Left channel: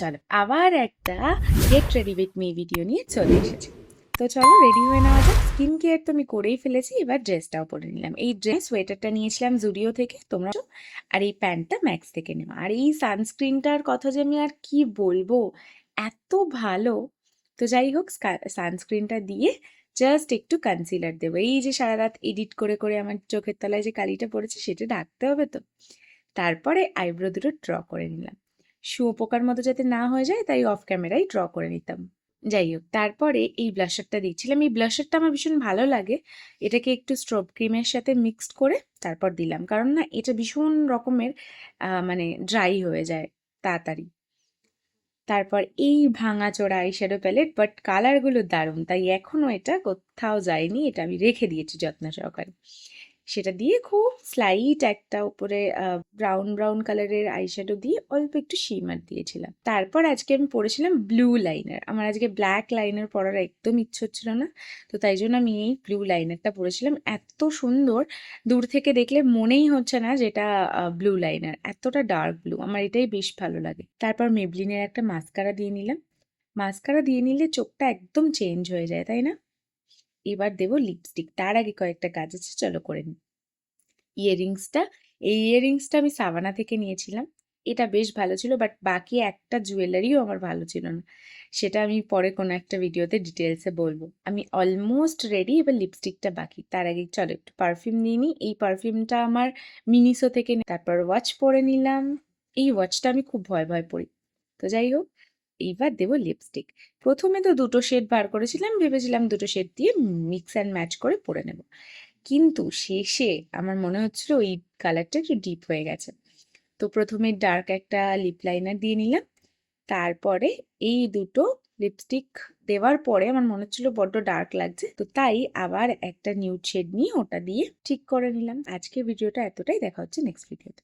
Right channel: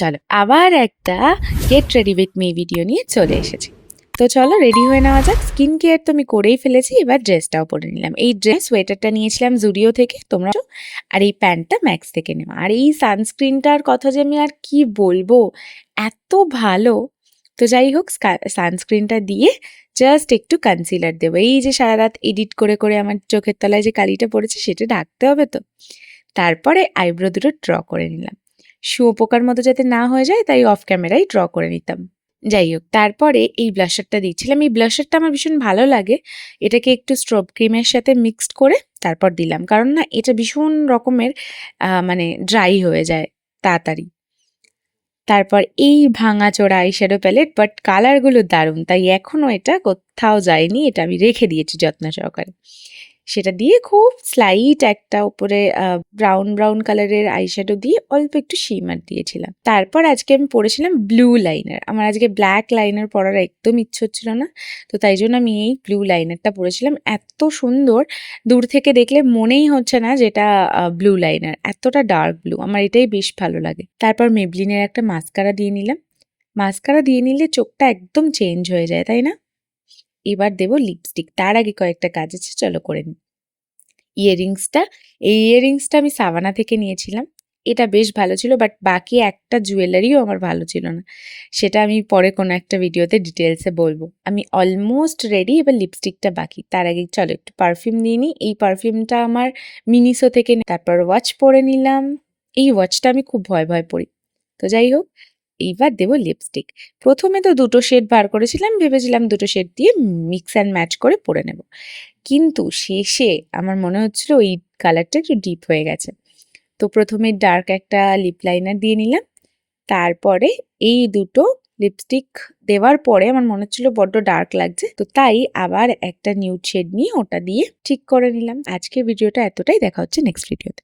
চলো আবার একটা get ready with me video নিয়ে চলে এসেছি। তো চলো রেডি হয়ে নেওয়া যাক। স্কিন কেয়ার তো আমি করেই ফেলেছি, এবার ড্রেসটাও পরে নিলাম। এই ড্রেস সোয়েটারটা নিয়েছিলাম জুডিও থেকে, তোমরা, আর এই প্যান্টটা ম্যাক্স থেকে নেওয়া। আর এই সানস্ক্রিনটার কথা যে আমি আর কি বলবো, এত ভালো। তো যাই হোক, সানস্ক্রিনটা দিয়ে জাস্ট একটু কনসিলার দেবো। এই যে সারা রাত এডিট করে করে আমার চোখের তলায় যে কালিটা পড়েছে সেটা ঢাকতে হবে তো। তারপরে আইব্রো দুটো ড্র করে নিলাম, শুঁয়োপোকার মতো যাতে না হয়ে যায়, তাই অফ ক্যামেরায় ড্র করে নিতাম। যাই হোক, তারপরে এই ব্লাশারটা দিচ্ছিলাম। এই ব্লাশারটা আমার ভীষণ ভালো লাগে। এটাকে একটু স্ট্রব ক্রিমের সাথে মিক্সড করে তারপর দিলাম, কারণ না এটা ভীষণ রকমের মানে ড্রাই হয়ে যায় তাড়াতাড়ি। তারপর এই ভাঙাচোরা আইশ্যাডো প্যালেট, বাট কালারগুলো দারুণ, তাই এখনও এটা কোথাও যায়নি, এটা আমি রেখে দিয়েছি যত্ন সহকারে। সেটা দিয়ে খুব স্লাইট একটা উপরে ব্রাউন ব্রাউন কালারের আইশ্যাডো দিয়ে অল্প একটু শিমার দিয়েছিলাম। তারপর আজকে আমি পরেছিলাম ব্লু লাইনার। আমার আজকে ব্ল্যাক লাইনার পরার একদম ইচ্ছে হচ্ছিল না, তো তাই জন্য আমি এই ব্লু লাইনারটা পরেছিলাম। এত সুন্দর, দূর থেকে দেখলে মনেই হচ্ছে না যেটা ব্লু লাইনার, এতটা ডার্ক ব্লু, আমার এটাই বেশ ভালো লাগে। তারপর মেবলিনের একটা মাস্কারা দিয়ে নিলাম। মাস্কারা দিয়ে নিলে চোখটা একদম চেঞ্জ হয়ে যায়, তাই না? এবার দেবো লিপস্টিক, তার আগে কয়েকটা কাজ আছে, চলো করে নিই। ইয়াররিংসটা, এই ইয়াররিংসটা আমি সাভানা থেকে নিয়েছিলাম। এটা বেশ ভালো ছিল, বাট বাকি একটা জুয়েলারিও আমার ভালো ছিল না। সেটা আমি পরে কোনো একটা ভিডিওতে ডিটেলসে বলবো। আমি অলমোস্ট রেডি, এবার লিপস্টিকটা বাকি। তার আগে চলো একটু পারফিউম নিয়ে নিই। এই পারফিউমটা আমার মিনিসো থেকে। তারপর ওয়াচ পরে নিলাম। এই ওয়াচটা আমি খুব ভয় ভয় পরি। তো যাই হোক, এইবার দেবো লিপস্টিক। প্রথমে তো দুটো শেড বার করেছিলাম, ভেবেছিলাম দুটো শেড দিয়ে মিক্স অ্যান্ড ম্যাচ করে পরে নেব, কিন্তু শেষে আমার মনে হচ্ছিল ওই কালারটা একটু ডিপ হয়ে গেছে। তো প্রথমে ডার্ক একটা লিপ লাইনার দিয়ে নিলাম। তারপরে এই দুটো লিপস্টিক দেওয়ার পরে আমার মনে হচ্ছিল বড্ড ডার্ক লাগছে, তো তাই আবার একটা নিউড শেড নিয়ে ওটা দিয়ে ঠিক করে নিলাম। আজকের ভিডিওটা এতটাই, দেখা হচ্ছে নেক্সট ভিডিওতে।